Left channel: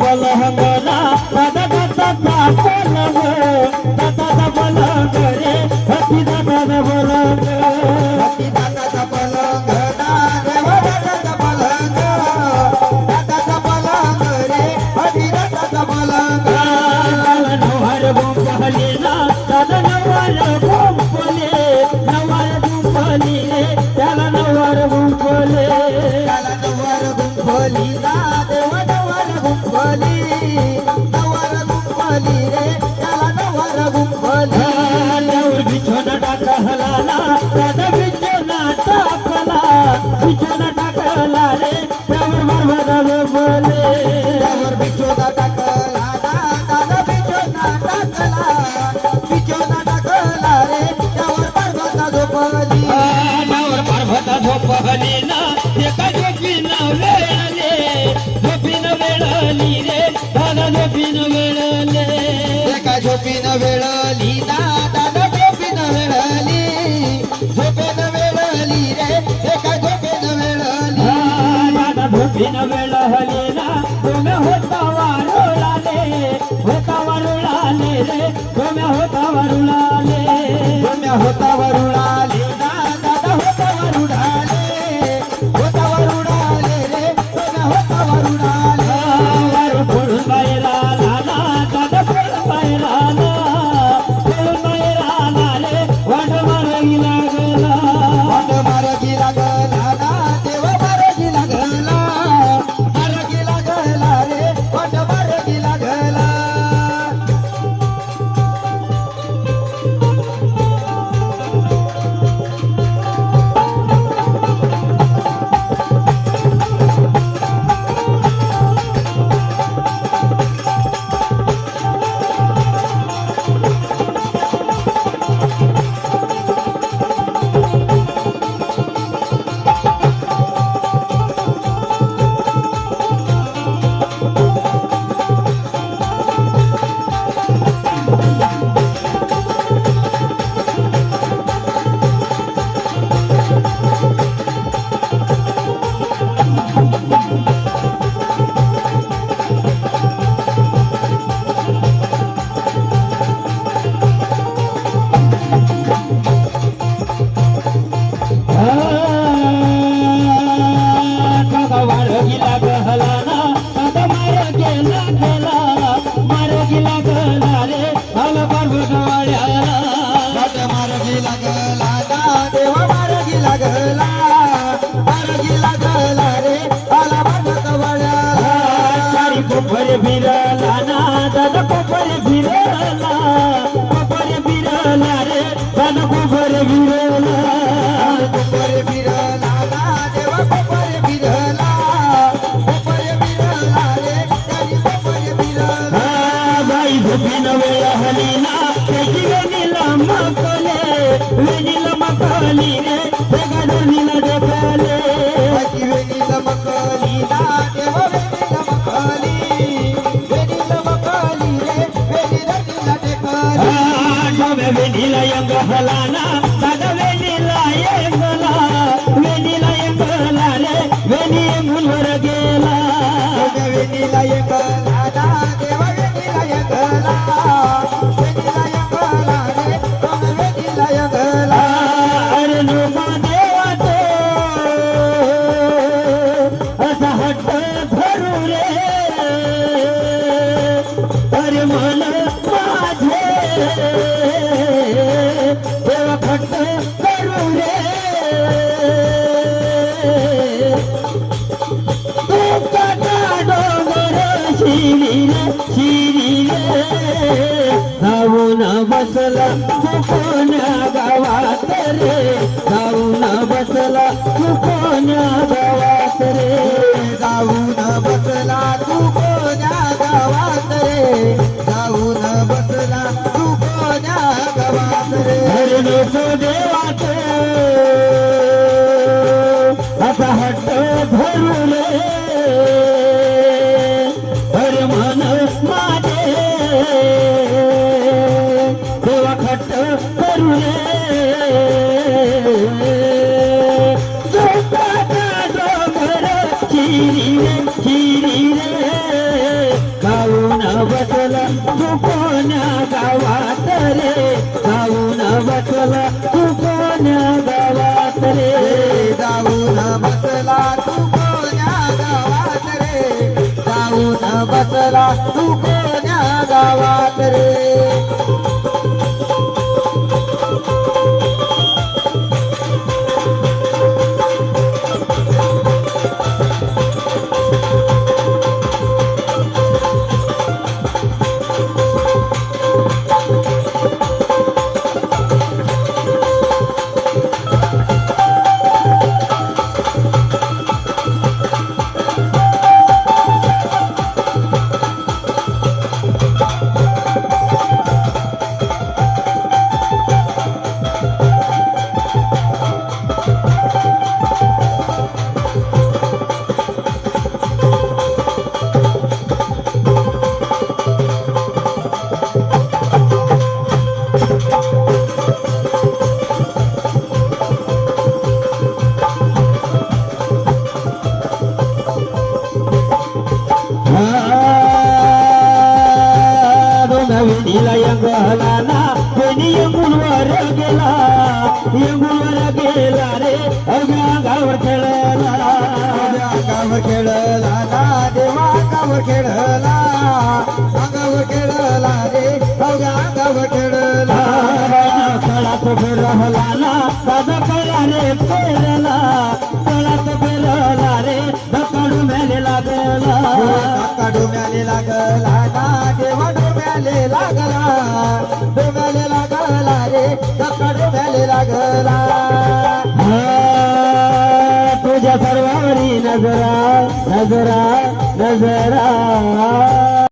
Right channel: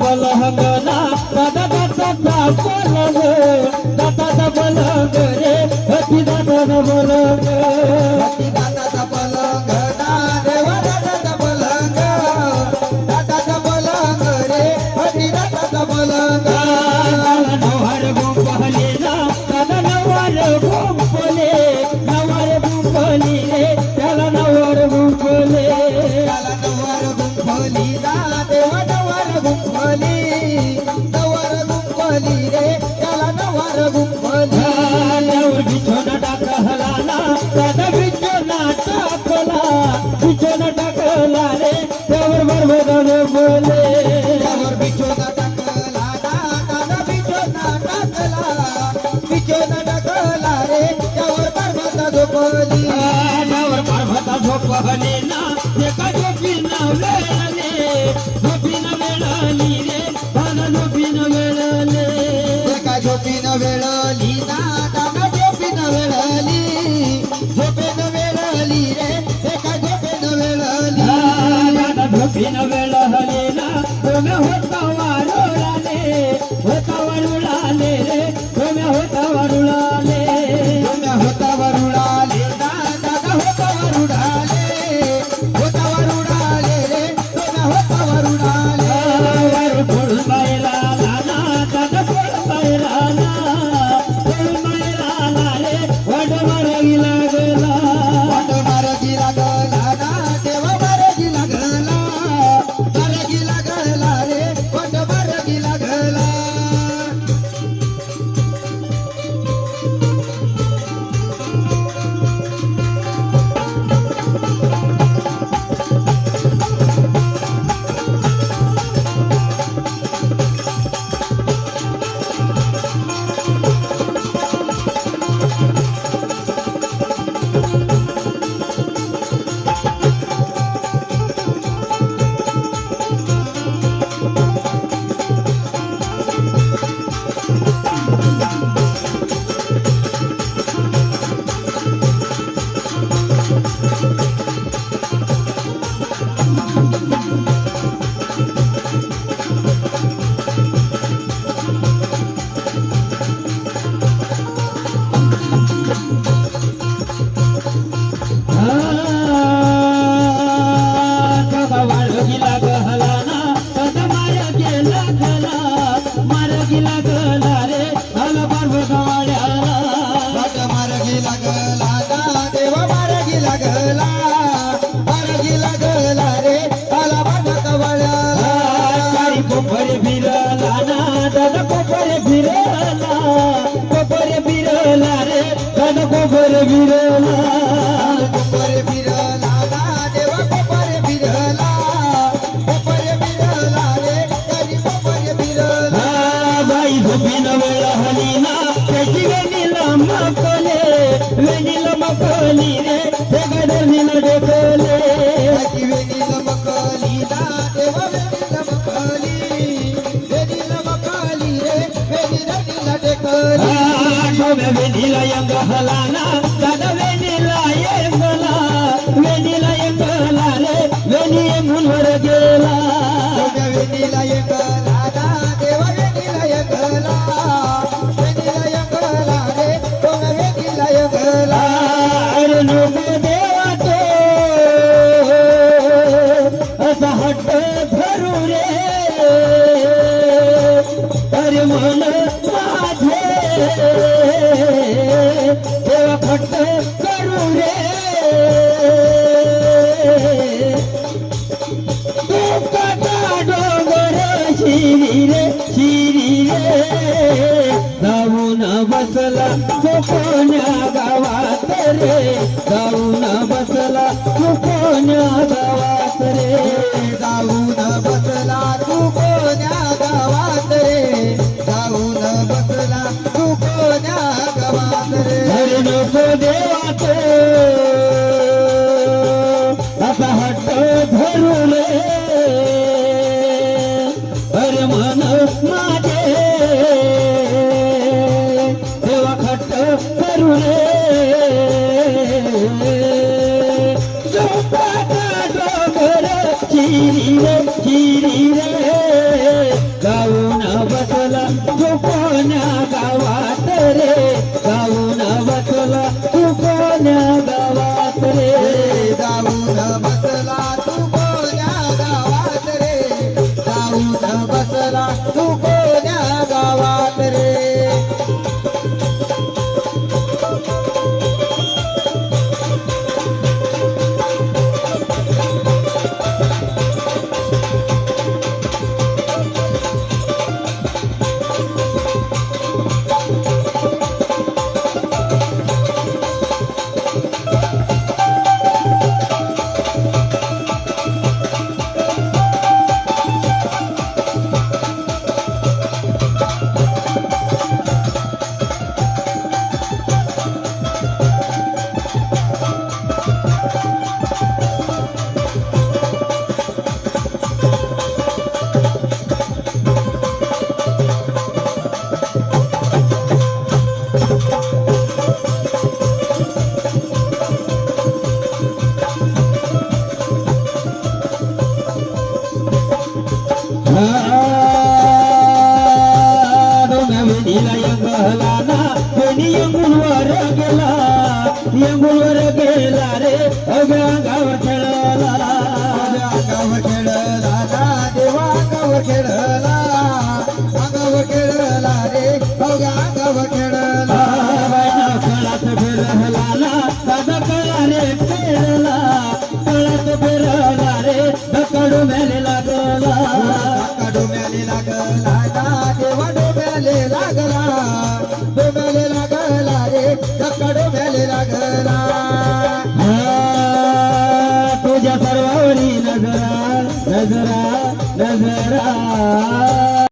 बलहंगना दादा बलहंग रे हती दादा बलहंग देवा दादा बलहंग रे हती दादा बलहंग नवार गुंपले ना दादा नवार गुंपले रे त्याला नवार गुंपले ना देवा नवार गुंपली रे त्याला नवार गुंपली देवर बिछोना टाकला ना दादा बिछोना टाकला रे त्यावर बरबदा बोले देवर बिछोना टाकला ना दादा बिछोना टाकला रे त्यावर बरबदा झोपली त्यावर बरबदा झोपली ना एका झोपीनं वेळले झोपीनं वेळली रे दादा झोपीनं वेळले एका झोपीनं वेळली ना दादा झोपीनं वेळली रे एका झोपीनं वेळली दादा झोपीनं वेळली ना तुम्ही होता वारुळाले रे तुम्ही होता वारुळाले ना दादा होता वारुळाले रे तुम्ही होता वारुळाले वारू फोडून बाहेर आला ना दादा फोडून बाहेर आला रे वाट मार्गी लागला ना देवा मार्गी लागला रे वाट मार्गी लागला कोपरे फिरला ना दादा कोपरे फिरला रे दादा कोपरे फिरला ना देवा कोपरे फिरला रे दादी कोपरे फिरला बाई झोपीनं वेळ हली ना त्याची वेणीला माकले रे ते गाडीला ढकले त्याची वेणीला मकली ना देवा वेणीला मकली वेणीला यंग हलाना दादा वेणीला यंगला रे वेणी मुलवर गेला वेणीला यंगला ना देवा वेणीला यंगला रे तुम्ही वेणीला यंगला अरे लोक देवाचे असा हट्ट धरू रे अरे मन माझे देवा खट्ट करू रे तुकाचा डोंगर शिरी रे जाऊन बसला कोण्या गावात रे जाऊन बसला कोण्या गावात रे जाऊन बसला तू कोण्या गावात रे जाऊन बसला तू कोण्या गावात रे अरे लोक देवाचे असा हट्ट धरून अरे मन माझे देवा खट्ट करू रे तू कोण्या गावात रे जाऊन बसला तू कोण्या गावात रे जाऊन बसला तू कोण्या गावात रे जाऊन बसला तू कोण्या गावात रे नवनीला यंगलाना कोणी यंगुलवर गेला रे अंगावर खेळला अंगावर खेळला देवा अंगावर खेळला अंगावर खेळला रे अंगावर खेळला कळात फिरला ना दादा कळाने फेरला कळात फिरला रे दकडू मेले लागला डोम्याले लागला ना देवा डोम्याले लागला डोम्याले लागला रे धक्का डोम्याले लागला तुझ्या सर्वावरी नजरा नजरा